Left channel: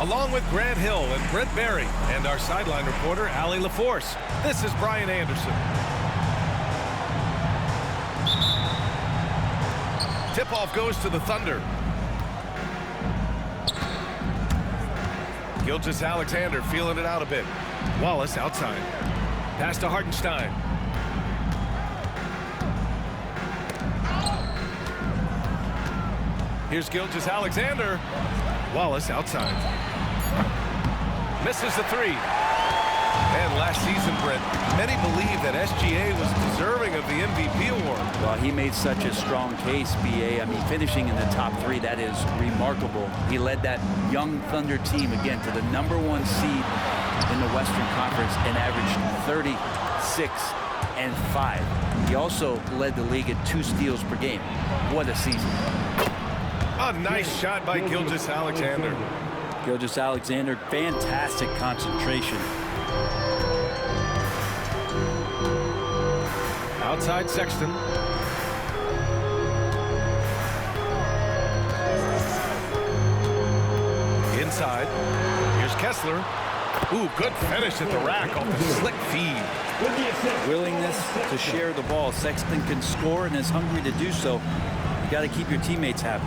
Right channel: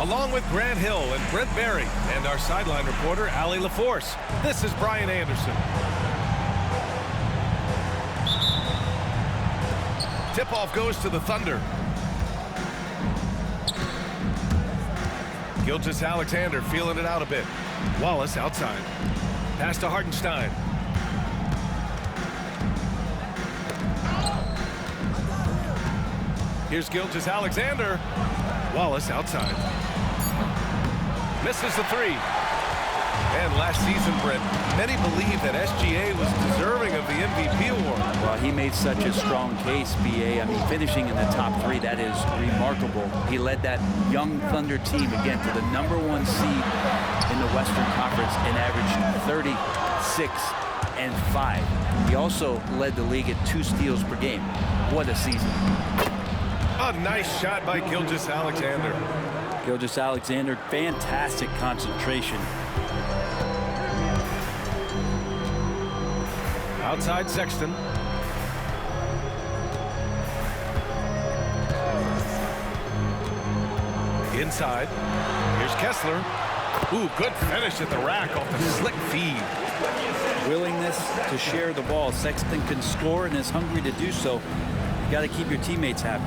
Along with Grant Hill and Brent Barry and our sideline reporter, Allie LaForce, this is Brian Anderson. Tip-off goes to the Thunder. Gilgeous-Alexander feeling it out a bit. Wallace outside. Pass to Hartenstein. Here's Gilgeous-Alexander. Wallace outside. Misses the three. And last season, Brent, many believe that SGA was deserving of the MVP award. Well, he made such a strong case, B.A. I mean, finishing in the top three, that is remarkable. He led that young Thunder team, again, to the #1 seed in the Western Conference and averaged 36 and 5. He also led the league at 2 steals per game. What a season. A nice shot by Gilgeous-Alexander. Gilgeous-Alexander, fantastic concentration. Outside Sexton. Inside. Here's Kessler. Ooh, good finish at the rack off the slick feed. Willingness to share the ball. Sexton can score and is hungry to do so. You got to keep your teammates happy.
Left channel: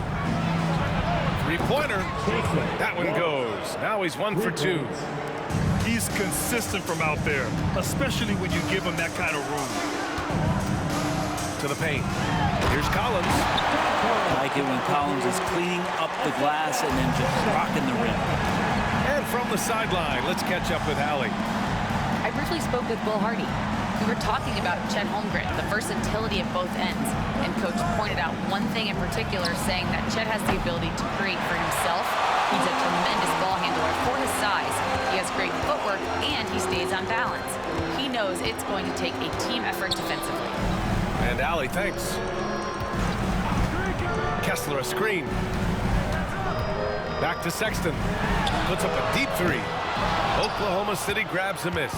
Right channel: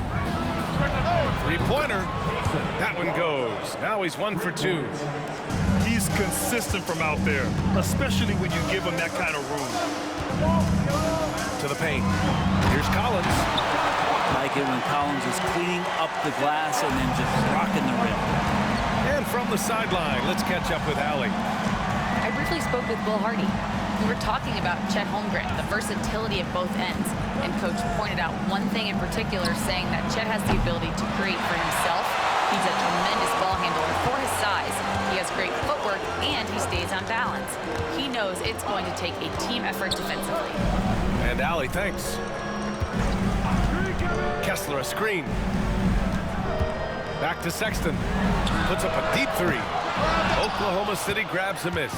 Three-pointer. That one goes. Now he's 1 for 2. He's consistent from out there, especially when you give him that kind of room. To the paint. Here's Collins. Like it when Collins is cleaning up the glass and then just rocking the rim. And from the sideline, let's catch up with Allie. I briefly spoke with Will Hardy. We were talking about Chet Holmgren, the versatility of both ends, and Coach pointed out one thing in particular, saying that Chet has the ability to create for himself. He's a tremendous ball handler for his size. He has great footwork, and he stays on balance. He knows it's going to take a team effort defensively. And Allie, thanks. Kessler a screen. Back to Sexton. Puts up a deep three. Oklahoma City grabs a miss.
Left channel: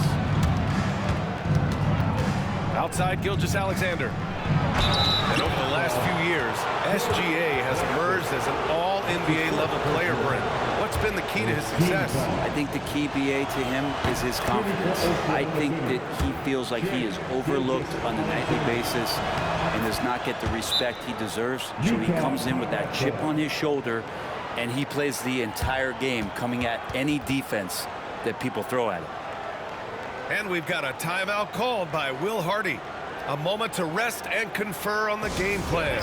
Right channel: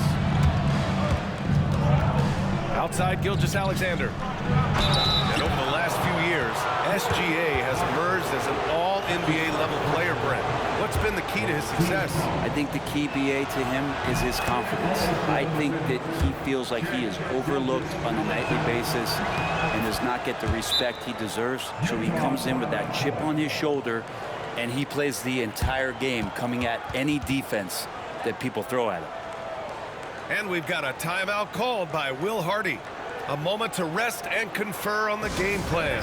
Outside Gilgeous-Alexander. And over the last few years, SGA has emerged as an all-NBA level player, Brent. What's been the key to his success? I think the key, BA, to him is his confidence. I think that he feels like he is overlooked on a nightly basis and does not get the respect he deserves. So he comes in with that chip on his shoulder, and he plays the entire game, coming at any defense that people throw at him. And we've got a timeout called by Will Hardy. A moment to rest and confer on the game plan.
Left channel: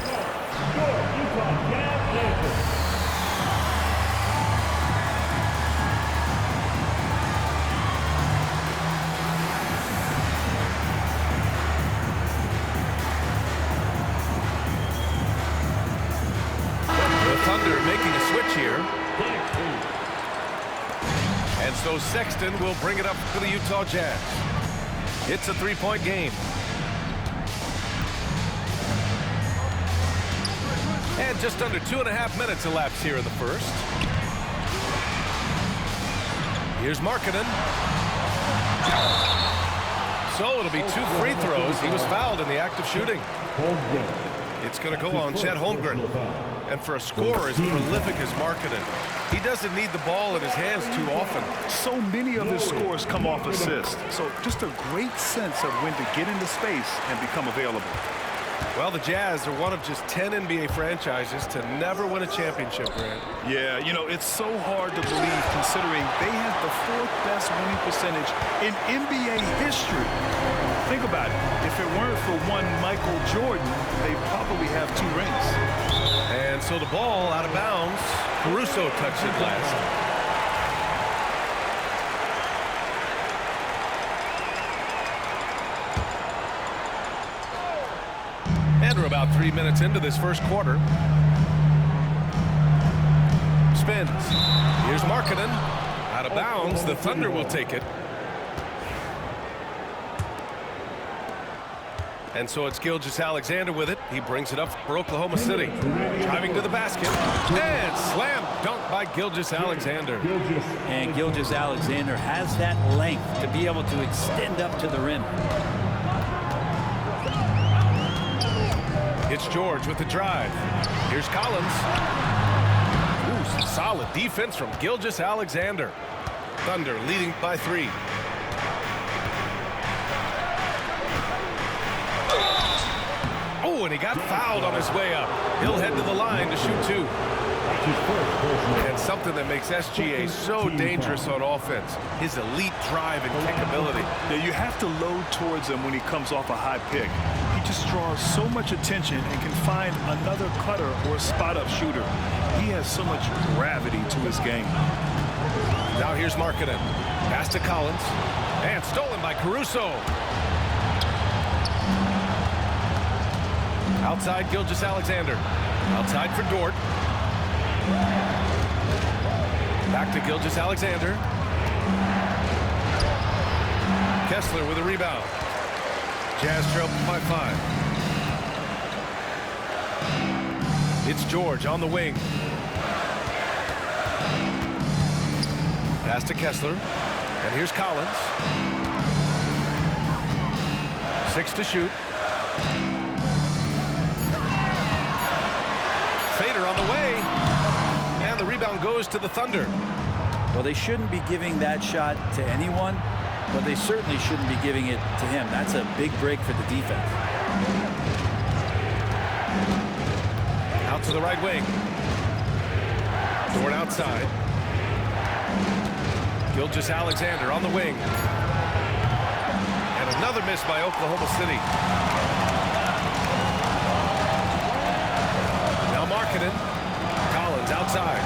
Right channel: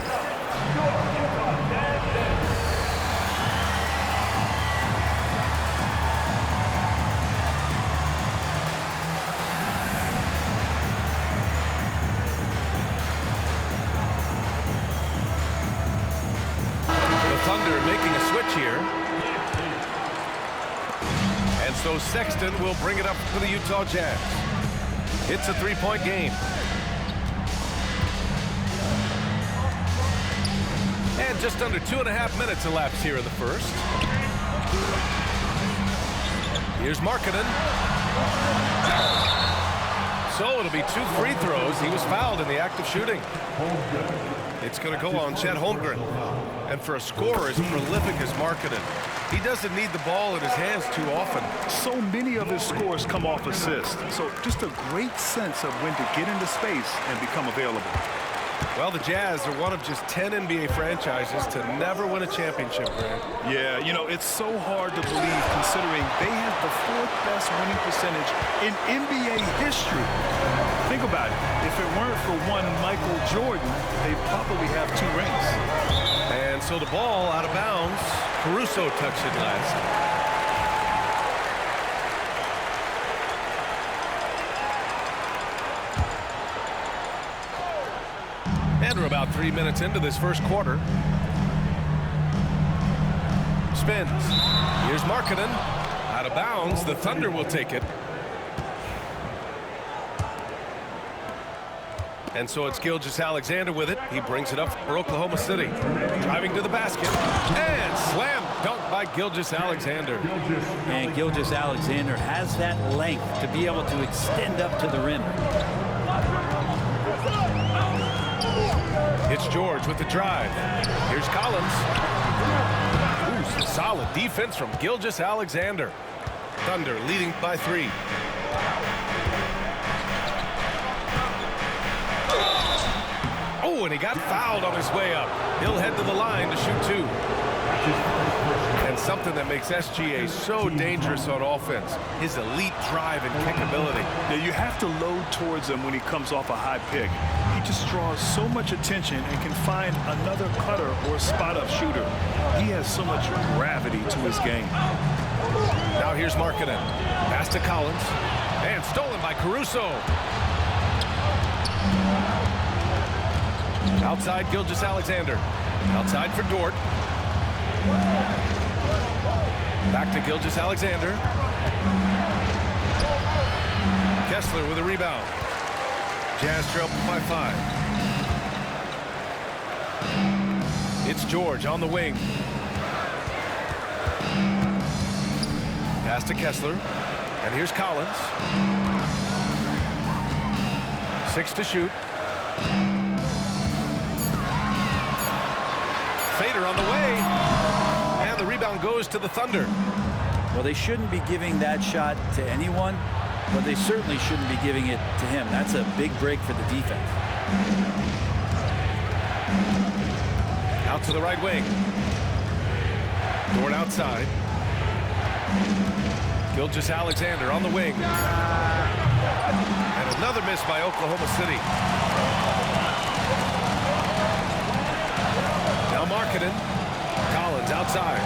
The Thunder making a switch here. And so Sexton will bring it up for the Utah Jazz. It's a 3-point game. And just under 2.5 minutes elapsed here in the first. Here's Markkanen. So it'll be 2 free throws. He was fouled in the act of shooting. It's going to go on Chet Holmgren. And for a scorer as prolific as Markkanen, he doesn't need the ball in his hands too often. So many of his scores come off assists. So just a great sense of when to get into space and become available. Well, the Jazz are one of just 10 NBA franchises to never win a championship, Grant. Yeah, you know, it's so hard to believe considering they have the 4th best winning percentage in NBA history. Think about it. If it weren't for one Michael Jordan, they'd probably have 2 rings. And so the ball out of bounds. Caruso touched it last. And we're about 3 minutes into this first quarter. Spins. Here's Markkanen. Out of bounds. The Thunder will take it. And so it's Gilgeous-Alexander with it. He brings it up for Oklahoma City. Driving to the basket. And slam dunk by Gilgeous-Alexander. And Gilgeous-Alexander has that length to be able to extend up to the rim. It's George with the drive. Here's Collins. Ooh, Solid defense from Gilgeous-Alexander. Thunder leading by 3. Oh, and he got fouled on his way up. He'll head to the line to shoot 2. And something that makes SGA so dangerous on offense, his elite drive and kick ability. Yeah, you have to load towards him when he comes off a high pick. He just draws so much attention and can find another cutter or spot-up shooter. He has so much gravity to his game. Now here's Markkanen. Pass to Collins. And stolen by Caruso. Outside Gilgeous-Alexander. Outside for Dort. Back to Gilgeous-Alexander. Kessler with a rebound. Jazz trail by 5. It's George on the wing. Pass to Kessler. And here's Collins. 6 to shoot. Fader on the way. And the rebound goes to the Thunder. Well, they shouldn't be giving that shot to anyone, but they certainly shouldn't be giving it to him. That's a big break for the defense. Out to the right wing. Dort outside. Gilgeous-Alexander on the wing. And another miss by Oklahoma City. Now Markkanen. Collins outside.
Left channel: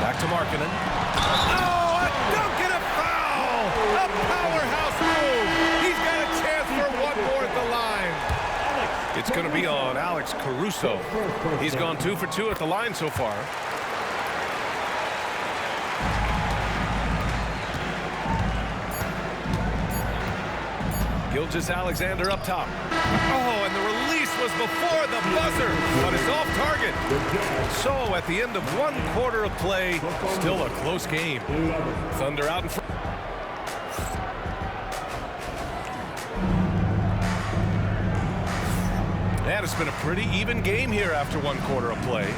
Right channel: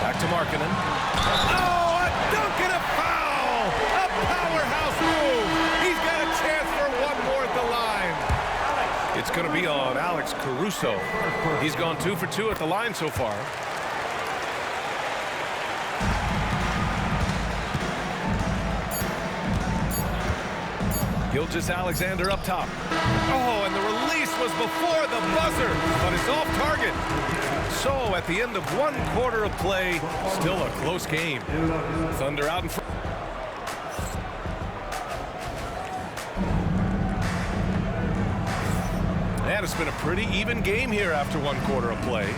Back to Markkanen. Oh, a dunk and a foul! A powerhouse move! He's got a chance for one more at the line. It's going to be on Alex Caruso. He's gone 2 for 2 at the line so far. Gilgeous-Alexander up top. Oh, and the release was before the buzzer, but it's off target. So at the end of 1 quarter of play, still a close game. Thunder out in front. And it's been a pretty even game here after 1 quarter of play.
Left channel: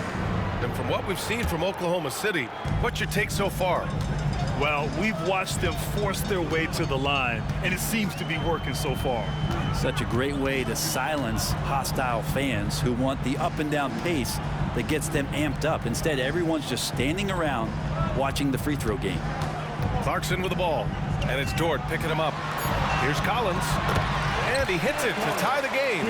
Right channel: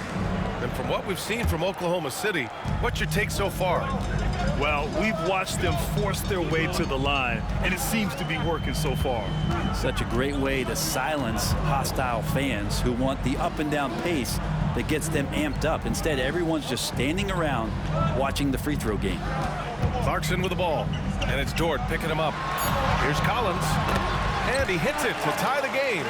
And from what we've seen from Oklahoma City, what's your take so far? Well, we've watched them force their way to the line, and it seems to be working so far. Such a great way to silence hostile fans who want the up and down pace that gets them amped up. Instead, everyone's just standing around watching the free throw game. Clarkson with the ball, and it's Dort picking him up. Here's Collins, and he hits it to tie the game.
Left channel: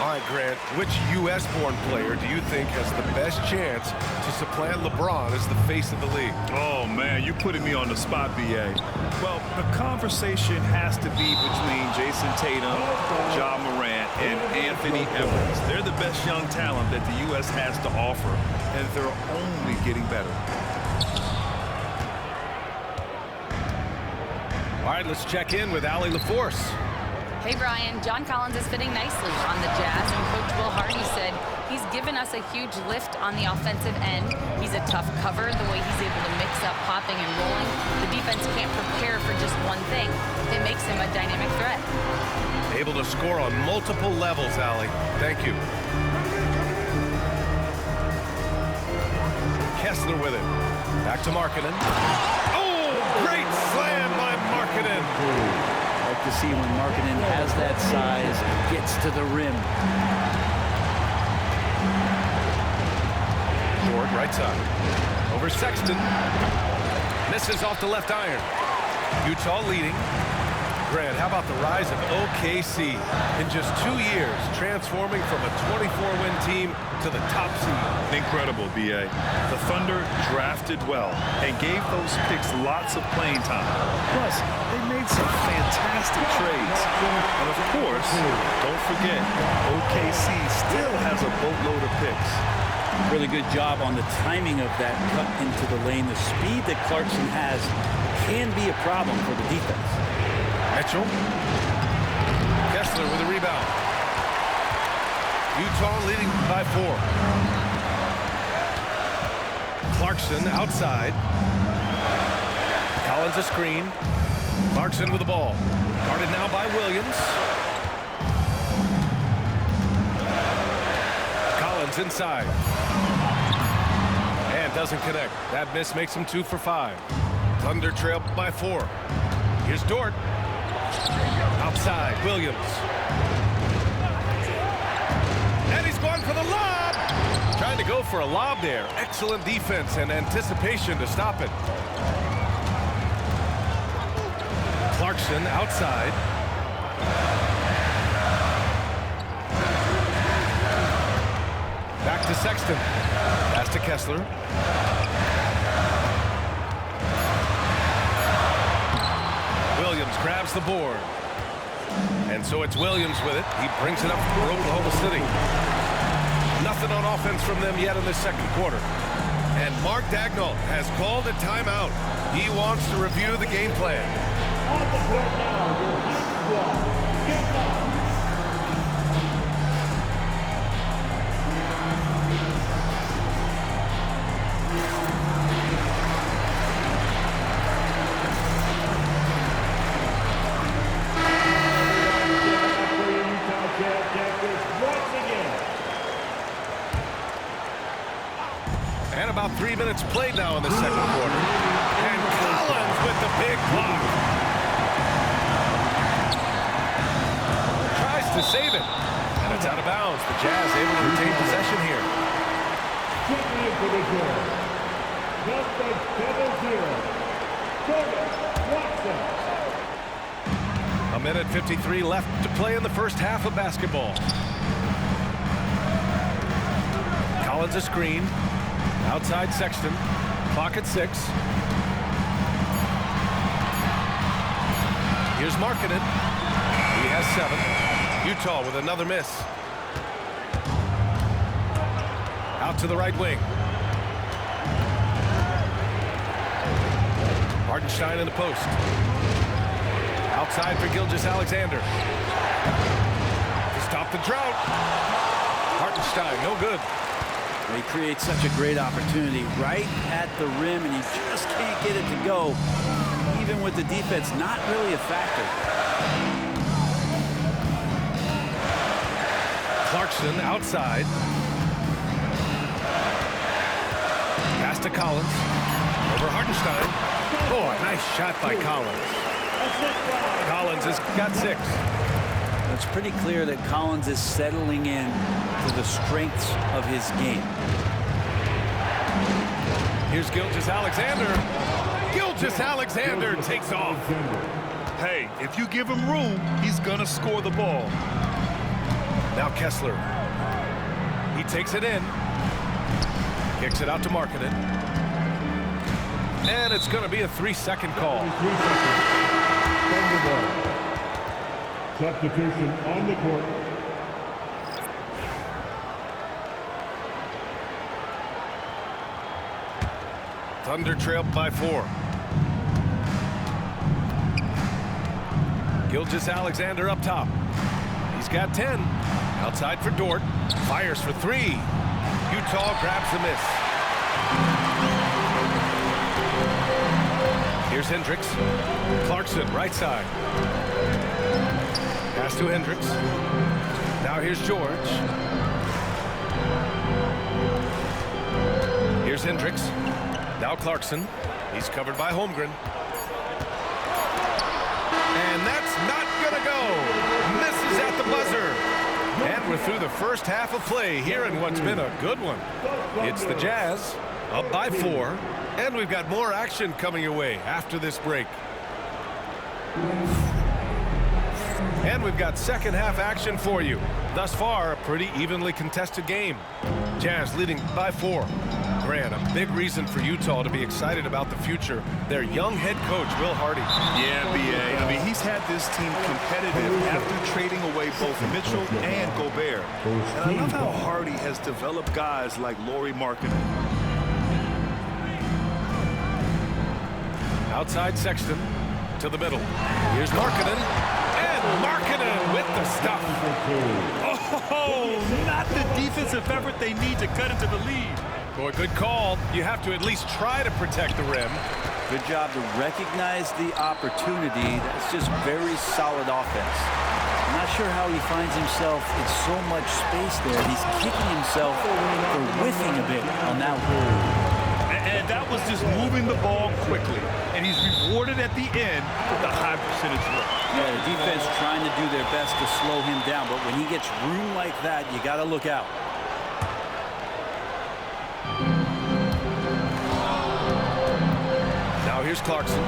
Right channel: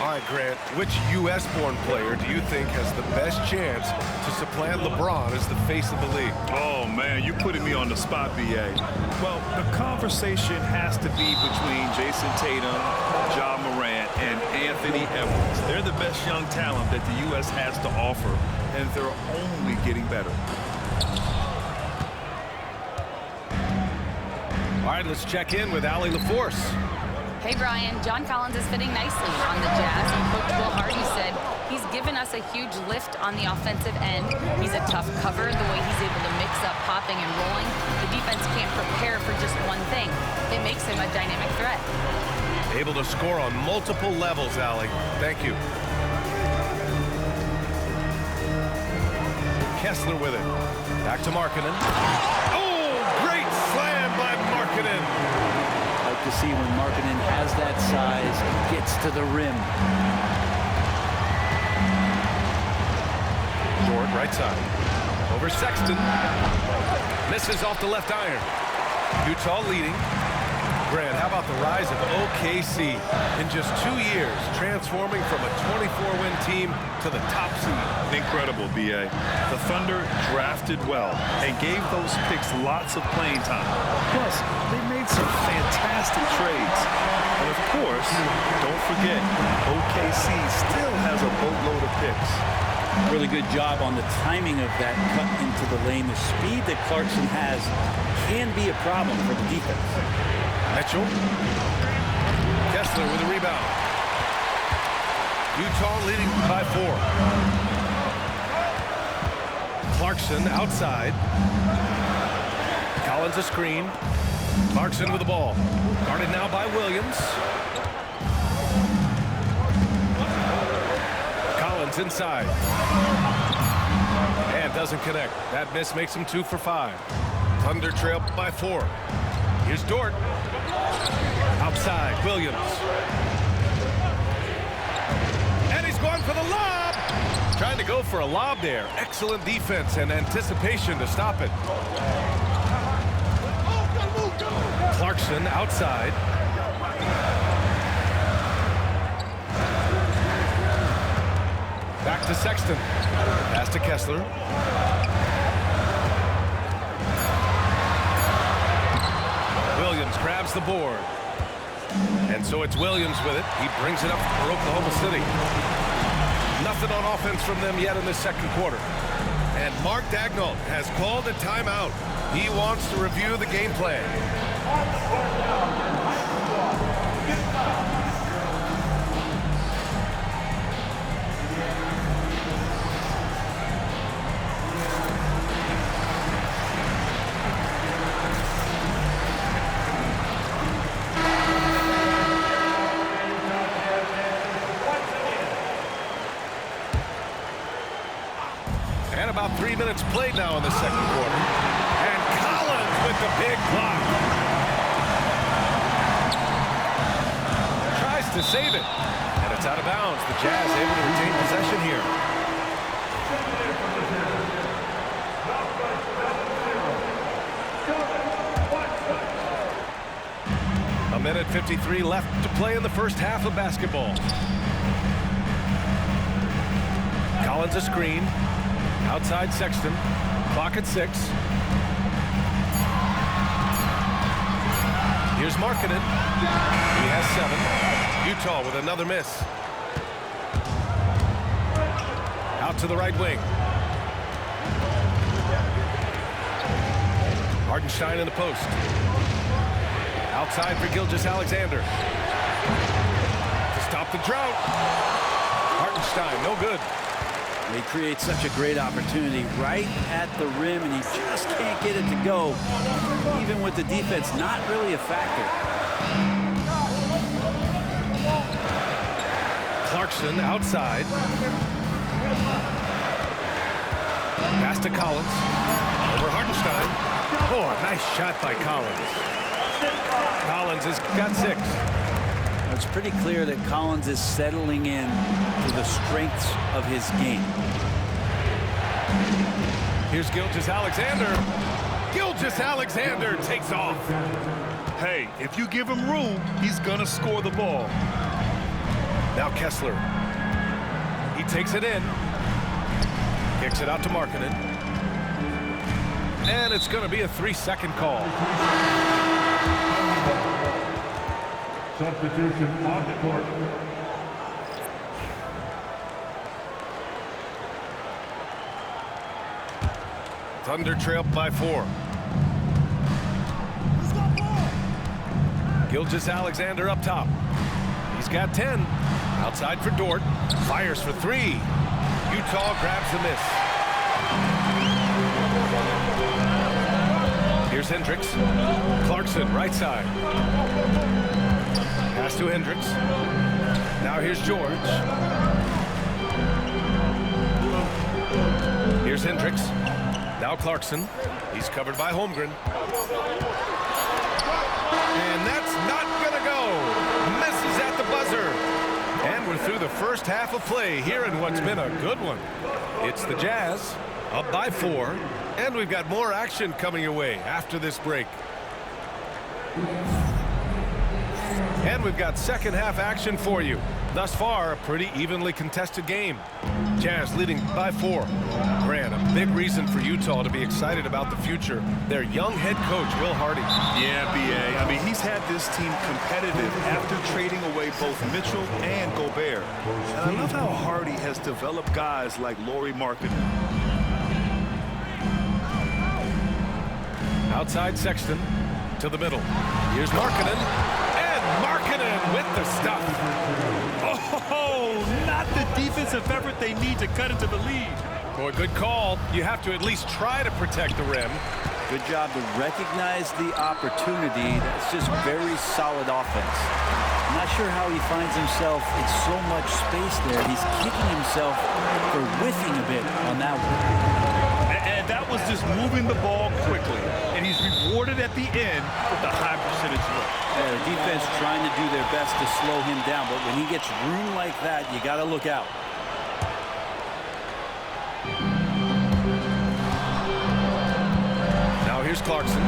All right, Grant, which U.S.-born player do you think has the best chance to supplant LeBron as the face of the league? Oh, man, you're putting me on the spot, B.A. Well, the conversation has to be between Jason Tatum, Ja Morant, and Anthony Edwards. They're the best young talent that the U.S. has to offer, and they're only getting better. All right, let's check in with Allie LaForce. Hey, Brian, John Collins is fitting nicely on the Jazz, and Coach Will Hardy said he's given us a huge lift on the offensive end. He's a tough cover, the way he's able to mix up popping and rolling. The defense can't prepare for just one thing. It makes him a dynamic threat. Able to score on multiple levels, Allie. Thank you. Kessler with it. Back to Markkanen. Oh, great slam by Markkanen. Like to see when Markkanen has that size and gets to the rim. Dort right side. Over Sexton. Misses off the left iron. Utah leading. Grant, how about the rise of OKC in just 2 years, transforming from a 24-win team to the top seed? Incredible, B.A. The Thunder drafted well and gave those picks lots of playing time. Plus, they made some fantastic trades. And of course, don't forget, OKC still has a boatload of picks. Really good job on the timing of that cut into the lane. The speed that Clarkson has can be a problem for the defense. Mitchell. Kessler with a rebound. Utah leading by 4. Clarkson outside. Collins a screen. Clarkson with the ball. Guarded now by Williams. Collins Collins inside. And doesn't connect. That miss makes him 2 for 5. Thunder trail by 4. Here's Dort. Outside, Williams. And he's going for the lob. Trying to go for a lob there. Excellent defense and anticipation to stop it. Clarkson outside. Back to Sexton. Pass to Kessler. Williams grabs the board. And so it's Williams with it. He brings it up for Oklahoma City. Nothing on offense from them yet in this second quarter. And Mark Daigneault has called a timeout. He wants to review the game plan. And about 3 minutes played now in the second quarter. And Collins with the big block. Tries to save it. And it's out of bounds. The Jazz able to retain possession here. A minute 53 left to play in the first half of basketball. Collins a screen. Outside Sexton. Clock at 6. Here's Markkanen. He has 7. Utah with another miss. Out to the right wing. Hartenstein in the post. Outside for Gilgeous-Alexander. To stop the drought. Hartenstein, no good. He creates such a great opportunity right at the rim, and he just can't get it to go, even with the defense not really a factor. Clarkson outside. Pass to Collins. Over Hartenstein. Oh, a nice shot by Collins. Collins has got 6. It's pretty clear that Collins is settling in to the strengths of his game. Here's Gilgeous-Alexander. Gilgeous-Alexander takes off. Hey, if you give him room, he's gonna score the ball. Now Kessler. He takes it in. Kicks it out to Markkanen. And it's going to be a 3-second call. Substitution on the court. Thunder trail by 4. Gilgeous-Alexander up top. He's got 10. Outside for Dort. Fires for 3. Utah grabs the miss. Here's Hendricks. Clarkson, right side. Pass to Hendricks. Now here's George. Here's Hendricks. Now Clarkson. He's covered by Holmgren. And that's not gonna go. Misses at the buzzer. And we're through the first half of play here in what's been a good one. It's the Jazz up by 4. And we've got more action coming your way after this break. And we've got second half action for you. Thus far, a pretty evenly contested game. Jazz leading by 4. Grant, a big reason for Utah to be excited about the future. Their young head coach, Will Hardy. Yeah, B.A. I mean, he's had this team competitive after trading away both Mitchell and Gobert. And I love how Hardy has developed guys like Lauri Markkanen. Outside Sexton to the middle. Here's Markkanen. And Markkanen with the stuff. Oh, not the defensive effort they need to cut into the lead. Boy, good call. You have to at least try to protect the rim. Good job to recognize the opportunity. That's just very solid offense. I'm not sure how he finds himself in so much space there. He's kicking himself for whiffing a bit on that one. And that was just moving the ball quickly. And he's rewarded at the end with a high percentage look. Yeah, the defense trying to do their best to slow him down, but when he gets room like that, you got to look out. Now here's Clarkson.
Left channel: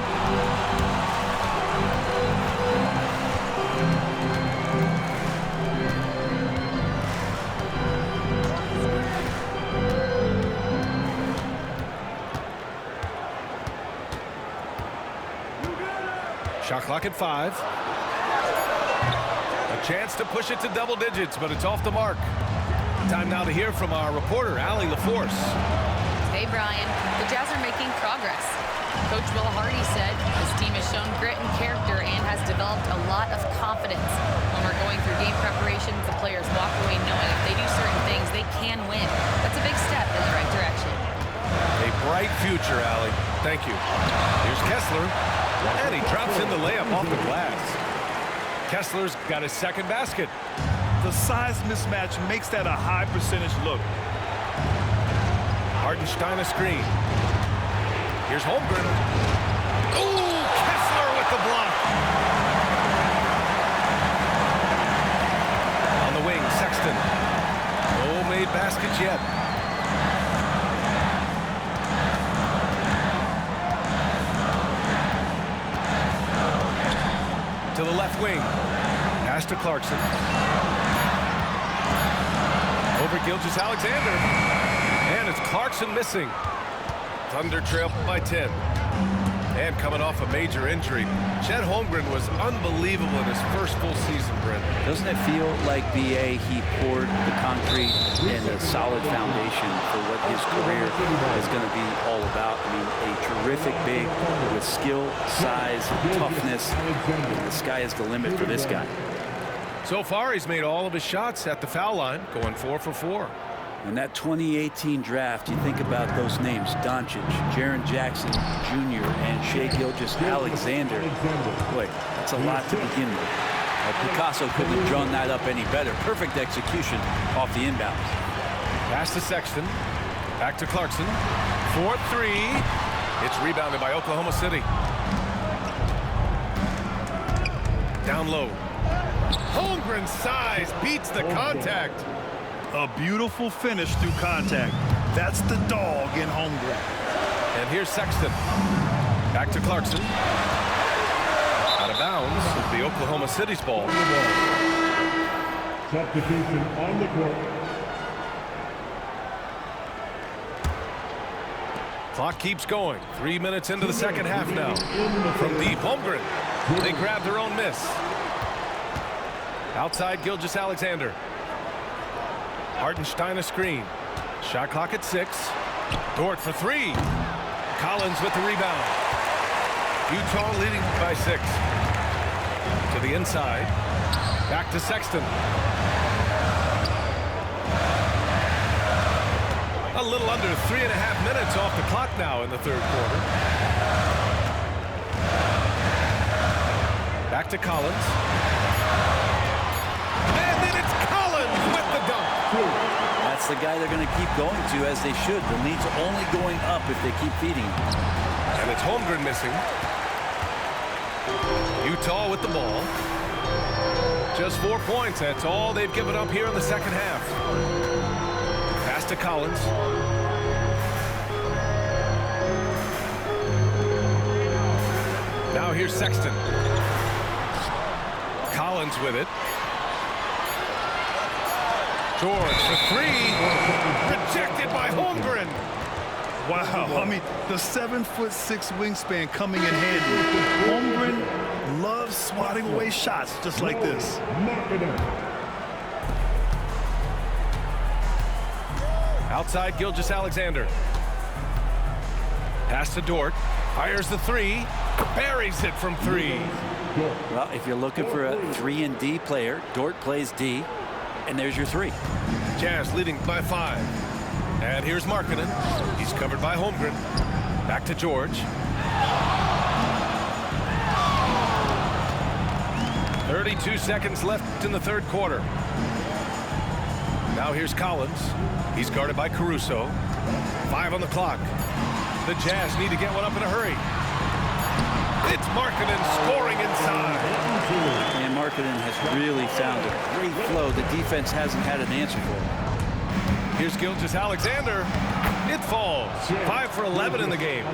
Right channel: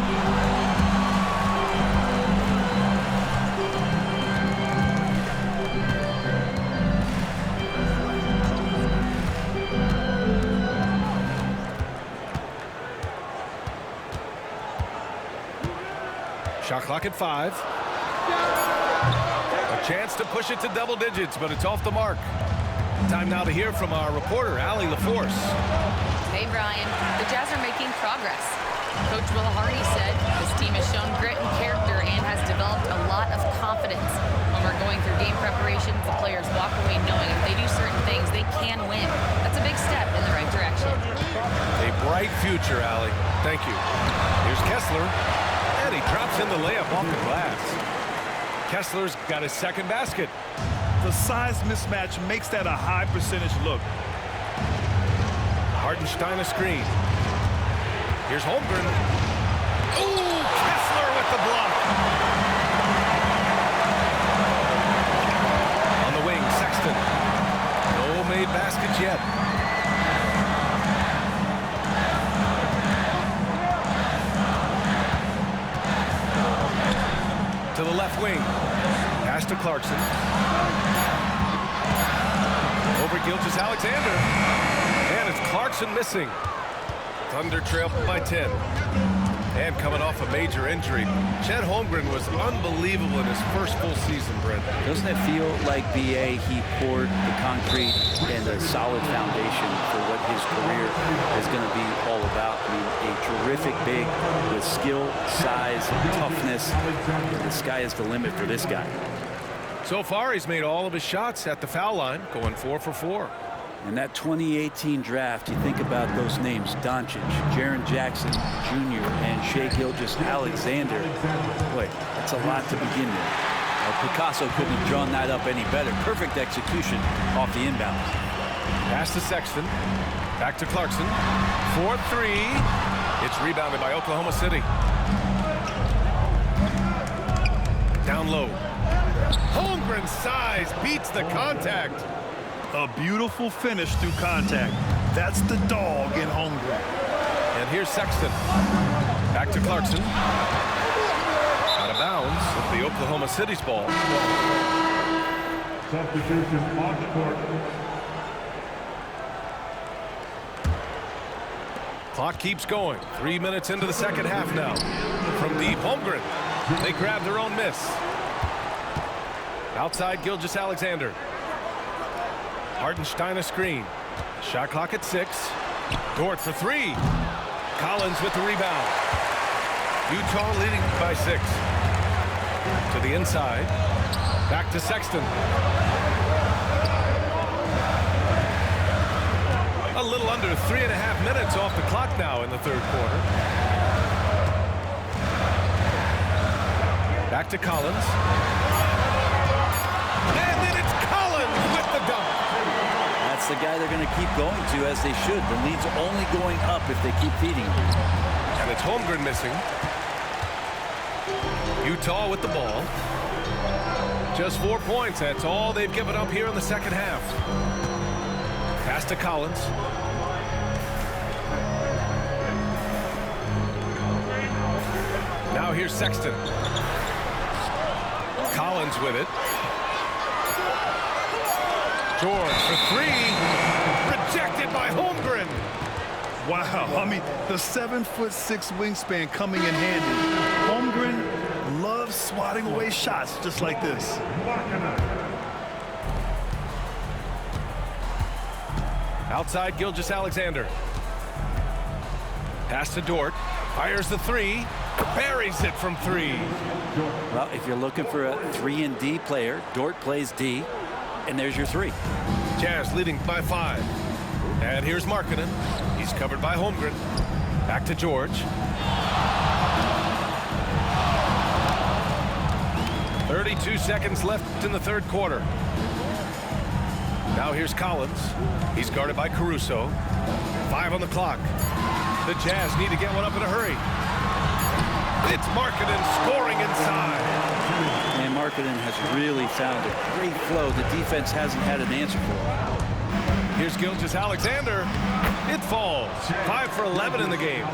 Shot clock at 5. A chance to push it to double digits, but it's off the mark. Time now to hear from our reporter, Allie LaForce. Hey, Brian. The Jazz are making progress. Coach Will Hardy said this team has shown grit and character and has developed a lot of confidence. When we're going through game preparations, the players walk away knowing if they do certain things, they can win. That's a big step in the right direction. A bright future, Allie. Thank you. Here's Kessler. And he drops in the layup off the glass. Kessler's got his second basket. The size mismatch makes that a high percentage look. Hartenstein a screen. Here's Holmgren. Ooh, Kessler with the block. On the wing, Sexton. No made baskets yet. To the left wing. Pass to Clarkson. Over Gilgeous-Alexander. And it's Clarkson missing. Thunder trail by 10. And coming off a major injury, Chet Holmgren was unbelievable in his first full season, Brent. Doesn't it feel like, B.A., he poured the concrete and a solid foundation for what his career is going to be all about? I mean, a terrific big with skill, size, toughness, and the sky is the limit for this guy. So far, he's made all of his shots at the foul line, going 4 for 4. In that 2018 draft, you think about those names, Doncic, Jaren Jackson Jr., and Shai Gilgeous-Alexander. Boy, that's a lot to begin with. Well, Picasso couldn't have drawn that up any better. Perfect execution off the inbounds. Pass to Sexton. Back to Clarkson. 4-3. It's rebounded by Oklahoma City. Down low. Holmgren's size beats the contact. A beautiful finish through contact. That's the dog in Holmgren. And here's Sexton. Back to Clarkson. Out of bounds. It'll be Oklahoma City's ball. Substitution on the court. Clock keeps going. 3 minutes into the second half now. From deep, Holmgren. They grab their own miss. Outside, Gilgeous-Alexander. Hartenstein a screen. Shot clock at 6. Dort for 3. Collins with the rebound. Utah leading by 6. To the inside. Back to Sexton. A little under 3.5 minutes off the clock now in the third quarter. Back to Collins. And then it's Collins with the dunk. That's the guy they're going to keep going to, as they should. The lead's only going up if they keep feeding him. And it's Holmgren missing. Utah with the ball. Just 4 points. That's all they've given up here in the second half. Pass to Collins. Now here's Sexton. Collins with it. George for 3. Rejected by Holmgren. Wow, I mean, the 7'6" wingspan coming in handy. Holmgren loves swatting away shots just like this. Outside, Gilgeous-Alexander. Pass to Dort. Fires the 3. Buries it from 3. Well, if you're looking for a 3-and-D player, Dort plays D, and there's your 3. Jazz leading by 5. And here's Markkanen. He's covered by Holmgren. Back to George. 32 seconds left in the third quarter. Now here's Collins. He's guarded by Caruso. 5 on the clock. The Jazz need to get one up in a hurry. It's Markkanen scoring inside. And Markkanen has really found a great flow the defense hasn't had an answer for. Here's Gilgeous-Alexander. It falls. 5 for 11 in the game.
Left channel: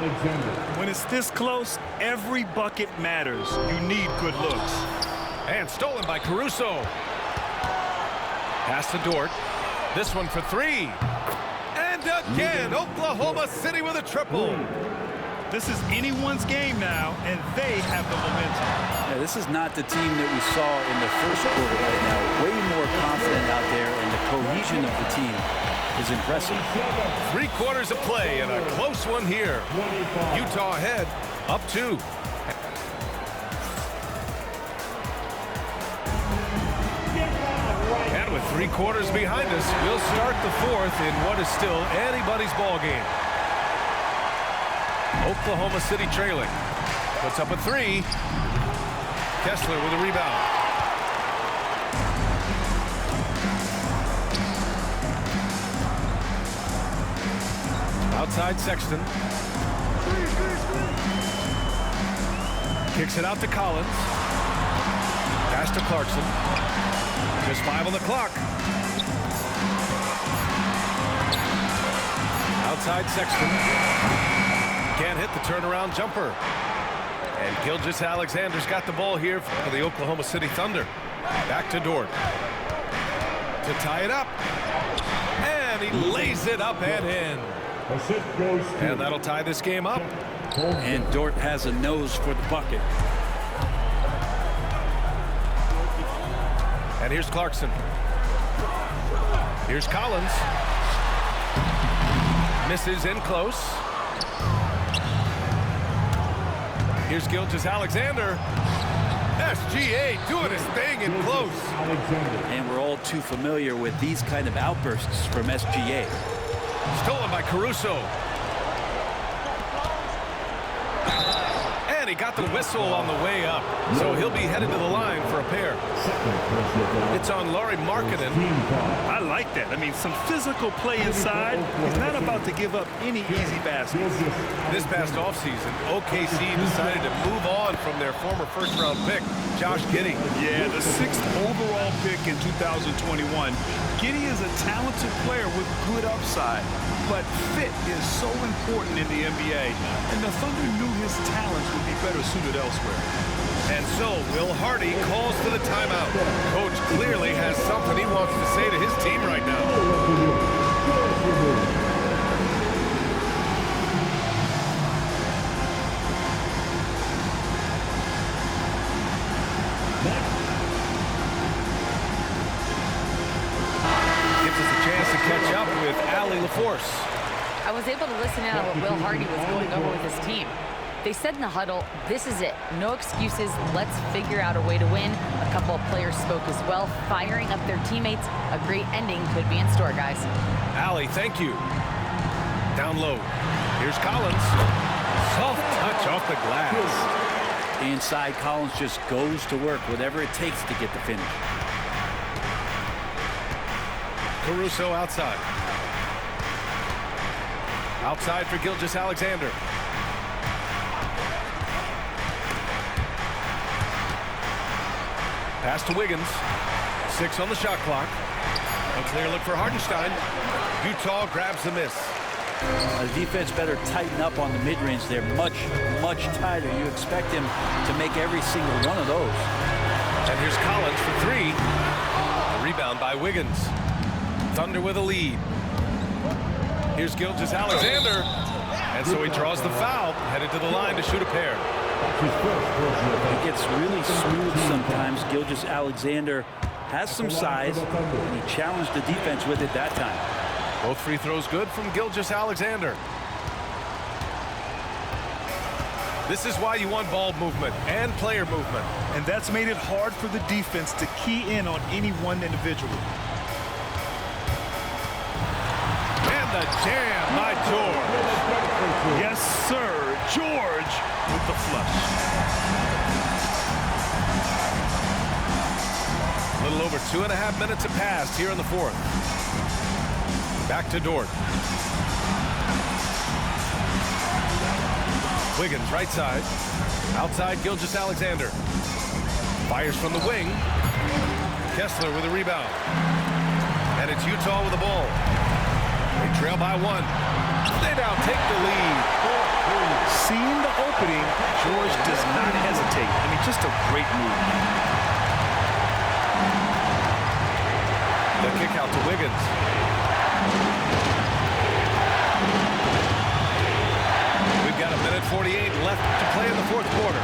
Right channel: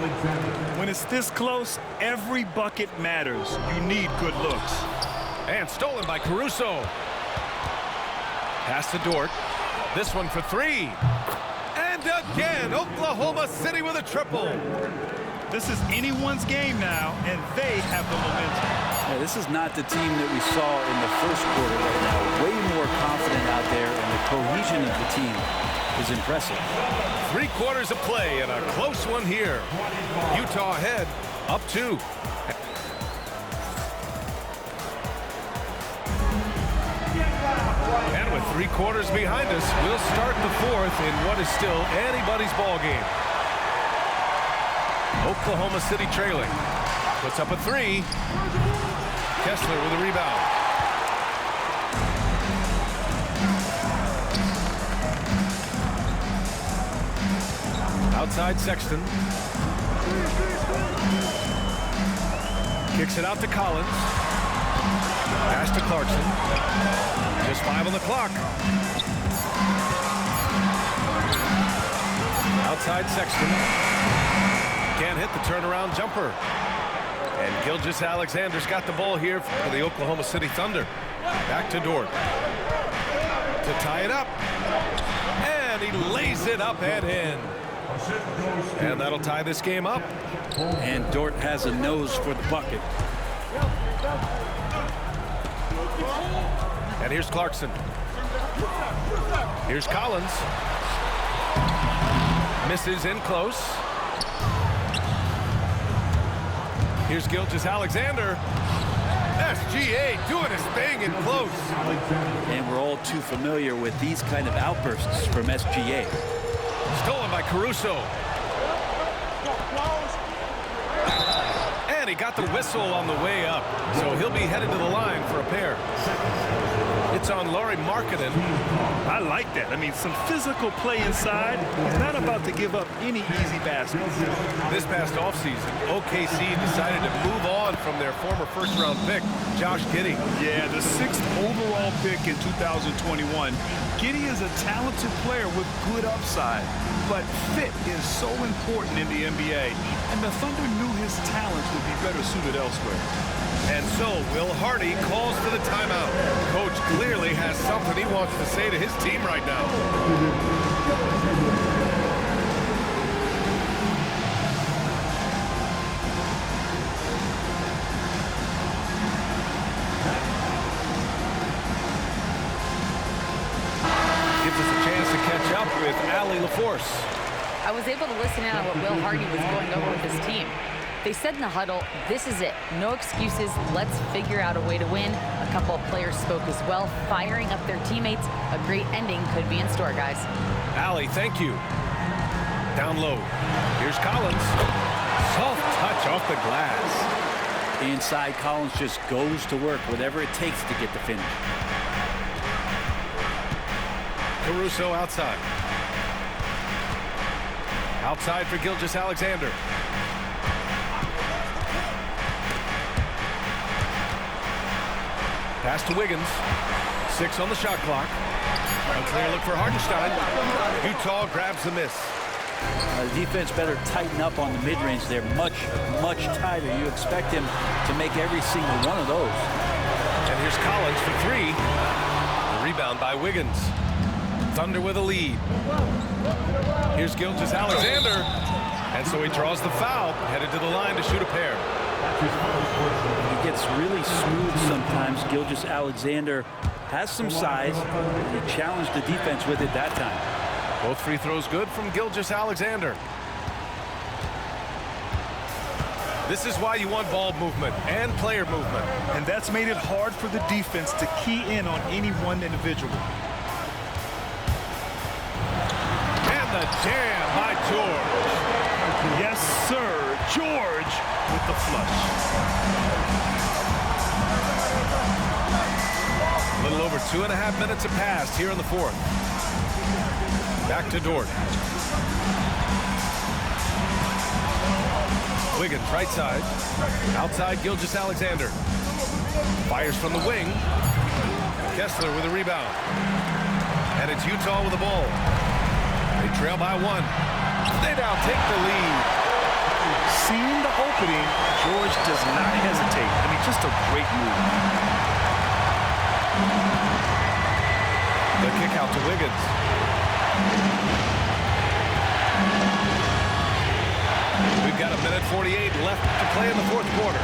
When it's this close, every bucket matters. You need good looks. And stolen by Caruso. Pass to Dort. This one for 3. And again, Oklahoma City with a triple. This is anyone's game now, and they have the momentum. Yeah, this is not the team that we saw in the first quarter right now. Way more confident out there, and the cohesion of the team is impressive. 3 quarters of play and a close one here. Utah ahead, up 2. And with 3 quarters behind us, we'll start the 4th in what is still anybody's ball game. Oklahoma City trailing. Puts up a 3. Kessler with a rebound. Outside Sexton. Kicks it out to Collins. Pass to Clarkson. Just 5 on the clock. Outside Sexton. Can't hit the turnaround jumper. And Gilgeous-Alexander's got the ball here for the Oklahoma City Thunder. Back to Dort. To tie it up. And he lays it up and in. And that'll tie this game up. And Dort has a nose for the bucket. And here's Clarkson. Here's Collins. Misses in close. Here's Gilgeous-Alexander. SGA doing his thing in close. And we're all too familiar with these kind of outbursts from SGA. Stolen by Caruso. And he got the whistle on the way up. So he'll be headed to the line for a pair. It's on Lauri Markkanen. I like that. I mean, some physical play inside. He's not about to give up any easy baskets. This past offseason, OKC decided to move on from their former first-round pick, Josh Giddey. Yeah, the 6th overall pick in 2021. Giddey is a talented player with good upside, but fit is so important in the NBA, and the Thunder knew his talents would be better suited elsewhere. And so Will Hardy calls for the timeout. Coach clearly has something he wants to say to his team right now. Gives us a chance to catch up with Allie LaForce. I was able to listen in on what Will Hardy was going over with his team. They said in the huddle, this is it. No excuses. Let's figure out a way to win. A couple of players spoke as well, firing up their teammates. A great ending could be in store, guys. Allie, thank you. Down low. Here's Collins. Soft touch off the glass. Inside, Collins just goes to work, whatever it takes to get the finish. Caruso outside. Outside for Gilgeous-Alexander. Pass to Wiggins. 6 on the shot clock. A clear look for Hartenstein. Utah grabs the miss. The defense better tighten up on the mid-range. They're much, much tighter. You expect him to make every single one of those. And here's Collins for 3. The rebound by Wiggins. Thunder with a lead. Here's Gilgeous-Alexander. And so he draws the foul, headed to the line to shoot a pair. He gets really smooth sometimes. Gilgeous-Alexander has some size, and he challenged the defense with it that time. Both free throws good from Gilgeous-Alexander. This is why you want ball movement and player movement. And that's made it hard for the defense to key in on any one individual. And the jam by George. Yes, sir. George with the flush. A little over 2.5 minutes have passed here in the fourth. Back to Dort. Wiggins right side. Outside Gilgeous-Alexander. Fires from the wing. Kessler with a rebound. And it's Utah with the ball. They trail by 1. They now take the lead. Seeing the opening, George does not hesitate. I mean, just a great move. The kick out to Wiggins. We've got 1:48 left to play in the fourth quarter.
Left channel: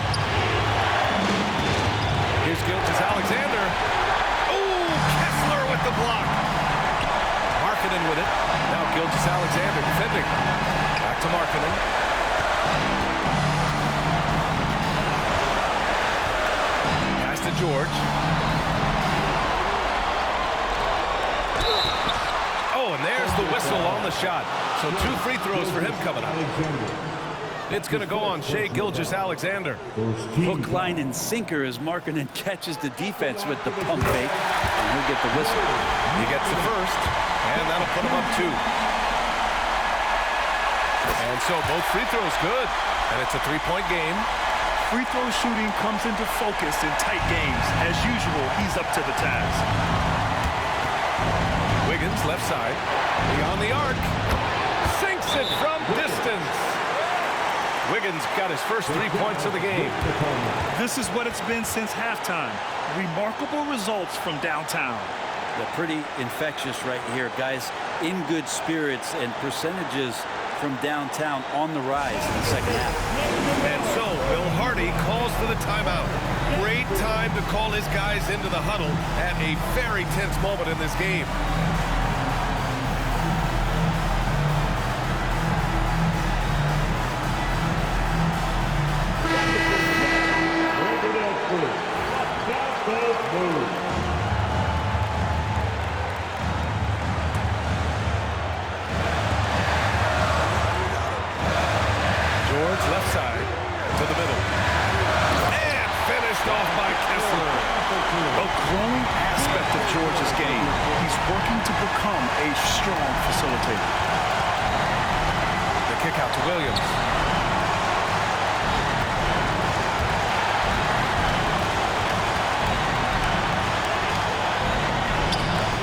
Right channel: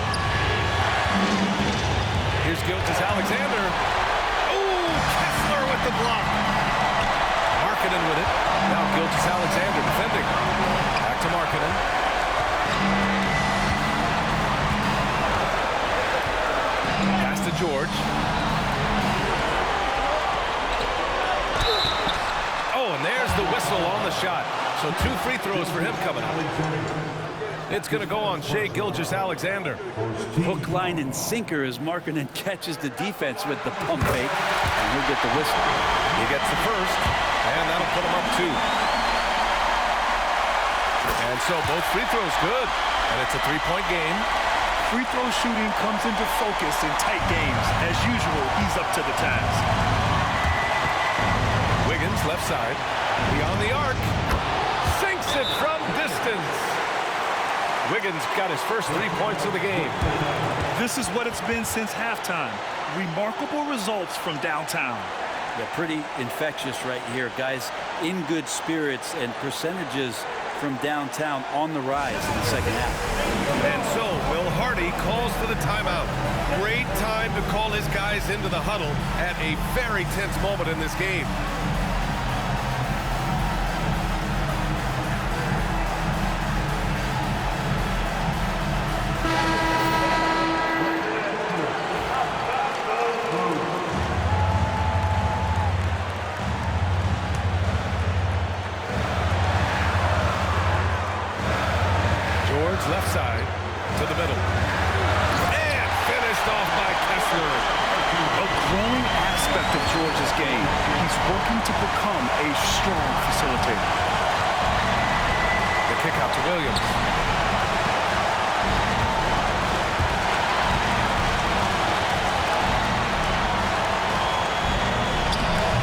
Here's Gilgeous-Alexander. Oh, Kessler with the block. Markkanen with it. Now Gilgeous-Alexander defending. Back to Markkanen. Pass to George. Oh, and there's the whistle on the shot. So 2 free throws for him coming up. It's going to go on Shai Gilgeous-Alexander. Hook, line, and sinker as Markkanen catches the defense with the pump fake, and he'll get the whistle. He gets the first, and that'll put him up 2. And so both free throws good, and it's a 3-point game. Free throw shooting comes into focus in tight games. As usual, he's up to the task. Wiggins left side, beyond the arc, sinks it from distance. Wiggins got his first 3 points of the game. This is what it's been since halftime. Remarkable results from downtown. Yeah, pretty infectious right here. Guys in good spirits, and percentages from downtown on the rise in the second half. And so Will Hardy calls for the timeout. Great time to call his guys into the huddle at a very tense moment in this game. George left side to the middle. And finished off by Kessler. A growing aspect of George's game. He's working to become a strong facilitator. The kick out to Williams.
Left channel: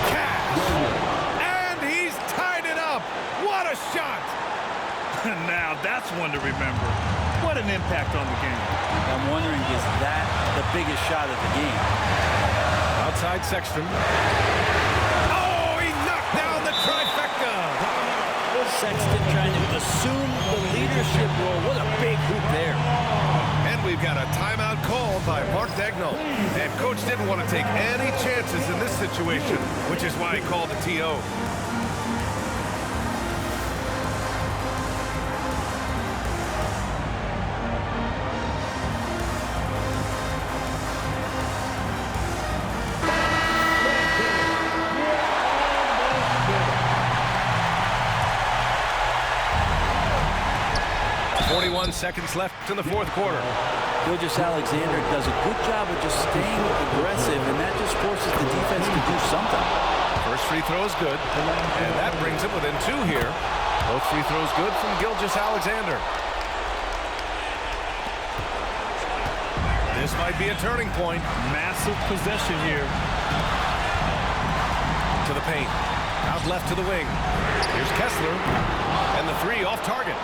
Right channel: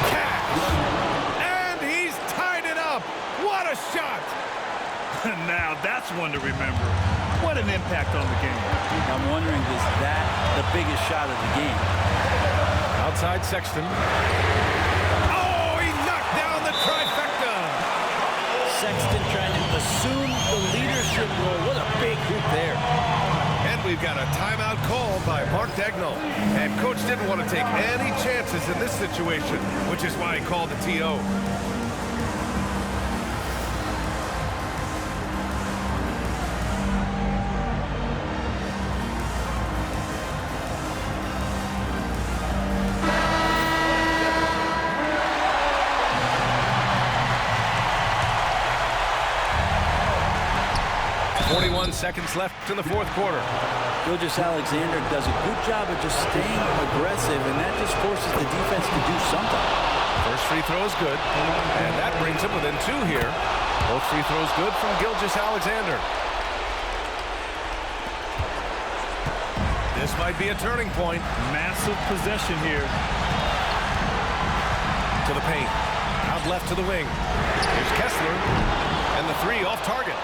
Cash! And he's tied it up. What a shot! Now that's one to remember. What an impact on the game. I'm wondering, is that the biggest shot of the game? Outside Sexton. Oh, he knocked down the trifecta. Sexton trying to assume the leadership role. What a big hoop there. And we've got a timeout called by Mark Daigneault. And coach didn't want to take any chances in this situation, which is why he called the TO. Seconds left in the fourth quarter. Gilgeous-Alexander does a good job of just staying aggressive, and that just forces the defense to do something. First free throw is good, and that brings him within 2 here. Both free throws good from Gilgeous-Alexander. This might be a turning point. Massive possession here. To the paint. Out left to the wing. Here's Kessler, and the 3 off target.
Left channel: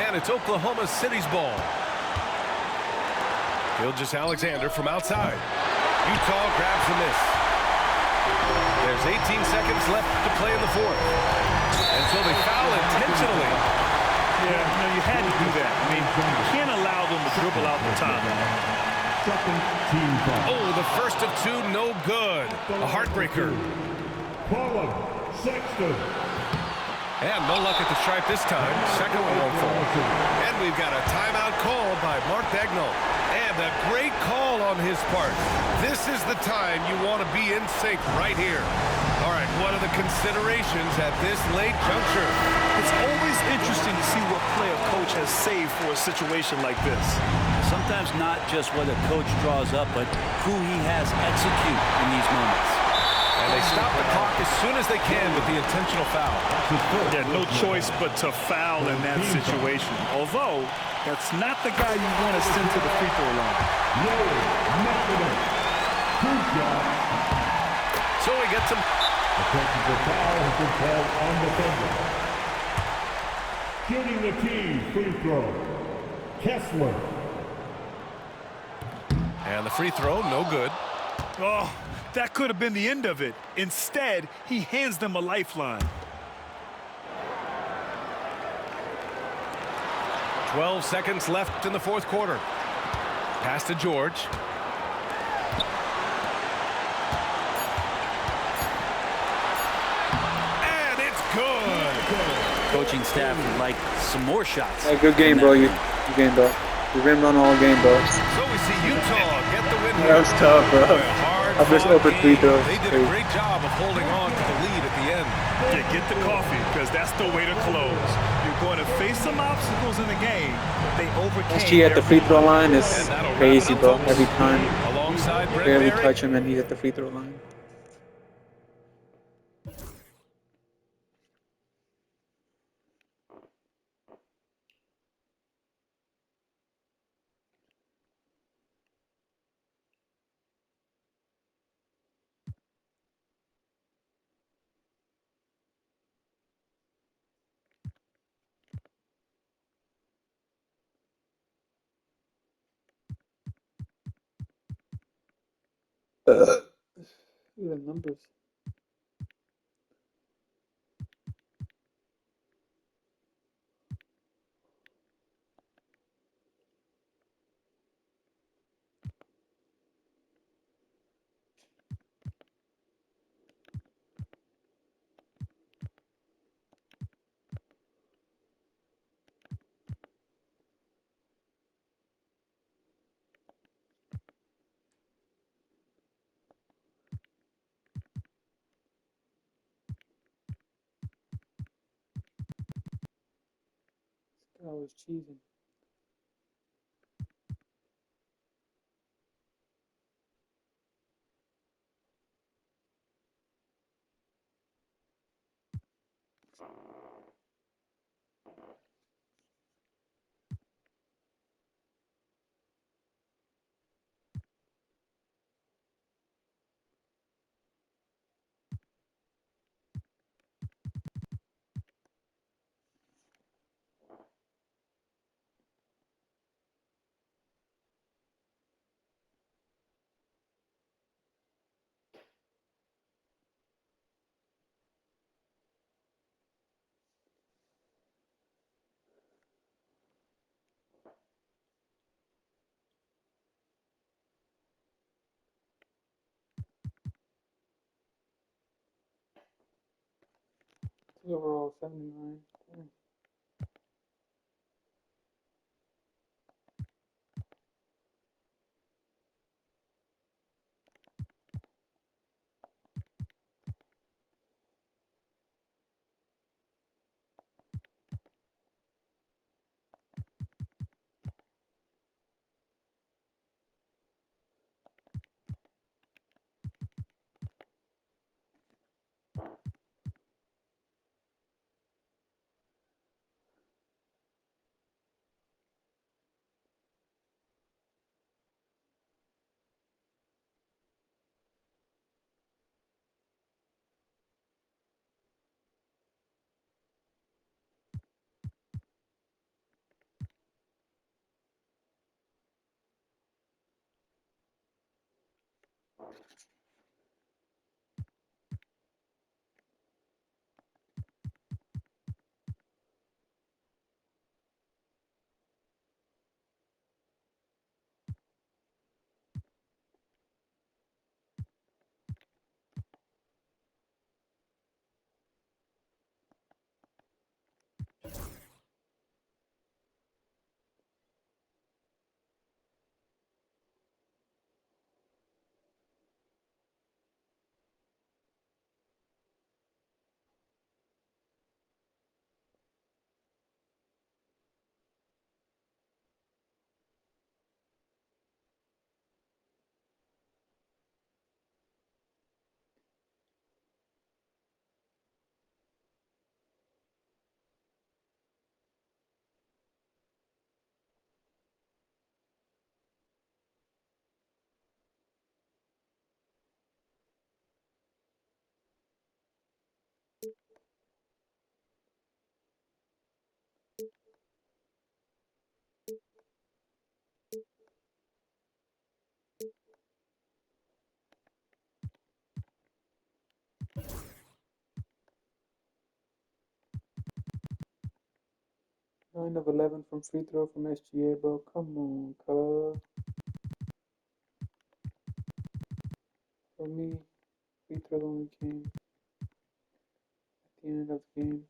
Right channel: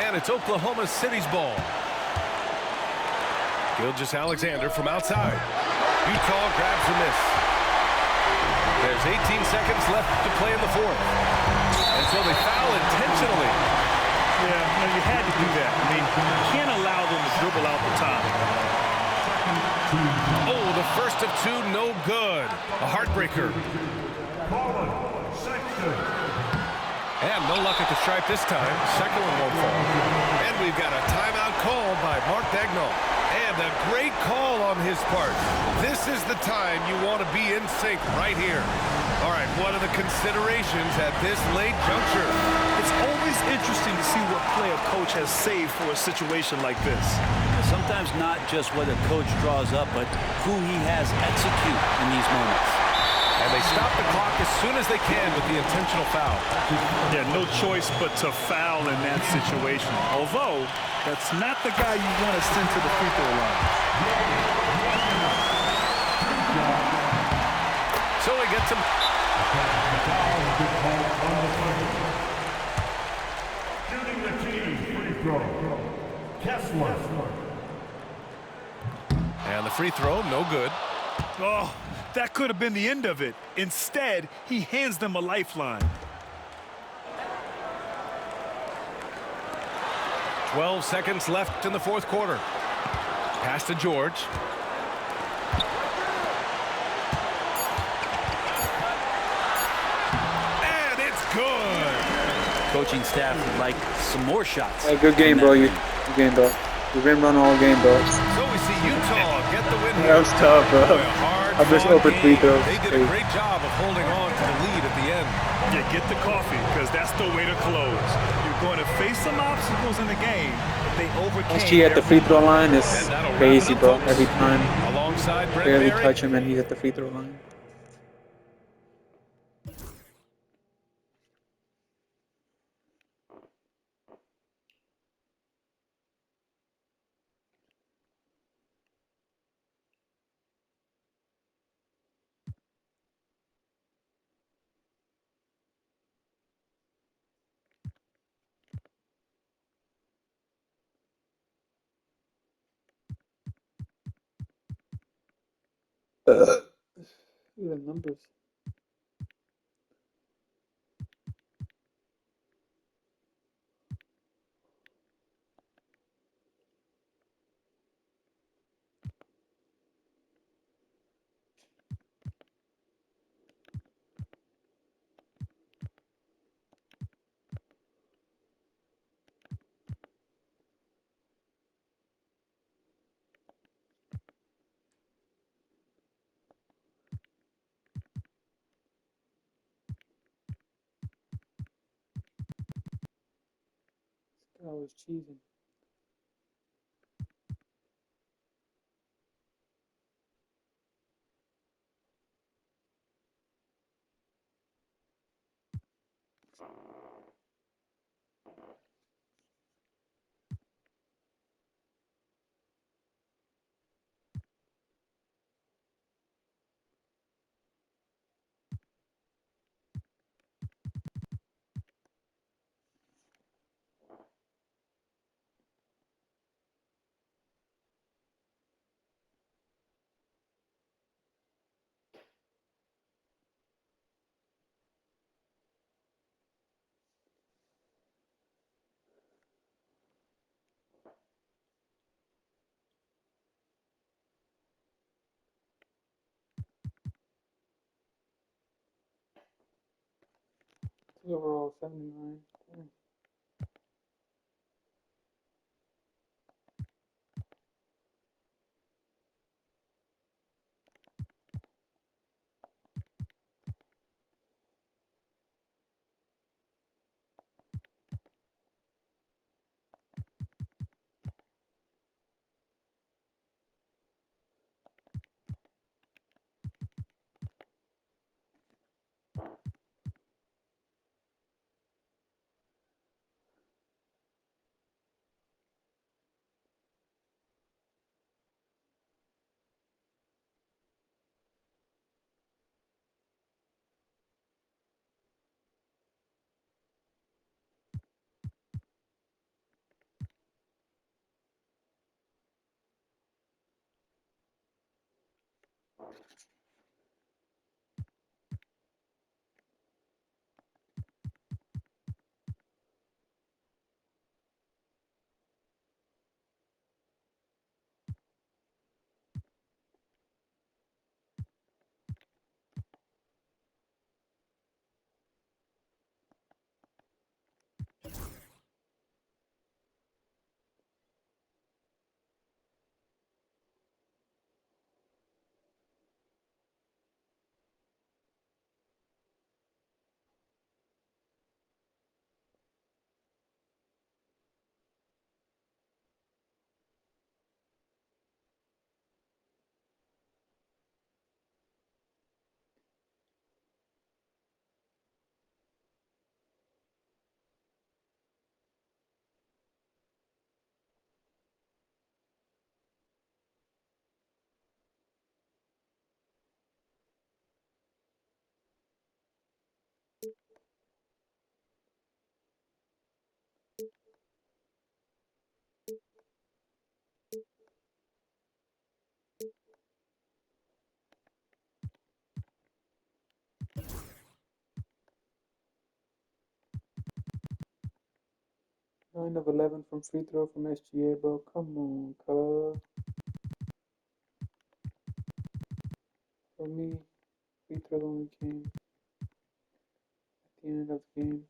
And it's Oklahoma City's ball. Gilgeous-Alexander from outside. Utah grabs the miss. There's 18 seconds left to play in the fourth. And so they foul intentionally. Yeah, you had to do that. I mean, you can't allow them to dribble out the top. Oh, the first of 2, no good. A heartbreaker. Sexton. And no luck at the stripe this time. Second one won't fall. And we've got a timeout called by Mark Daigneault. And a great call on his part. This is the time you want to be in sync right here. All right, what are the considerations at this late juncture? It's always interesting to see what play a coach has saved for a situation like this. Sometimes not just what a coach draws up, but who he has execute in these moments. And they stop the clock as soon as they can with the intentional foul. Yeah, no choice but to foul in that situation. Although, that's not the guy you want to send to the free throw line. So he gets him. A technical foul has been called on the Thunder. Shooting the team free throw, Kessler. And the free throw, no good. Oh, that could have been the end of it. Instead, he hands them a lifeline. 12 seconds left in the fourth quarter. Pass to George. And it's good. Coaching staff would like some more shots. Hey, good game, bro. Good game, bro. You've been running all game, bro. So we see Utah get the win here. That was tough, bro. Boy, a hard I just fought opened free game. throws. They did a great job of holding on to the lead at the end. Yeah, get the coffee, because that's the way to close. You're going to face some obstacles in the game, but they overcame. SG at the free throw line is And that'll wrap crazy, it up, bro. folks. Every time, Alongside Brent barely Berry. touch him, and he's at the free throw line. Look at the numbers. I was cheesing. Overall, 79. 9 of 11 from free throw from SGA, bro. Come on, cuz. For me, free throw only came at the end of the game.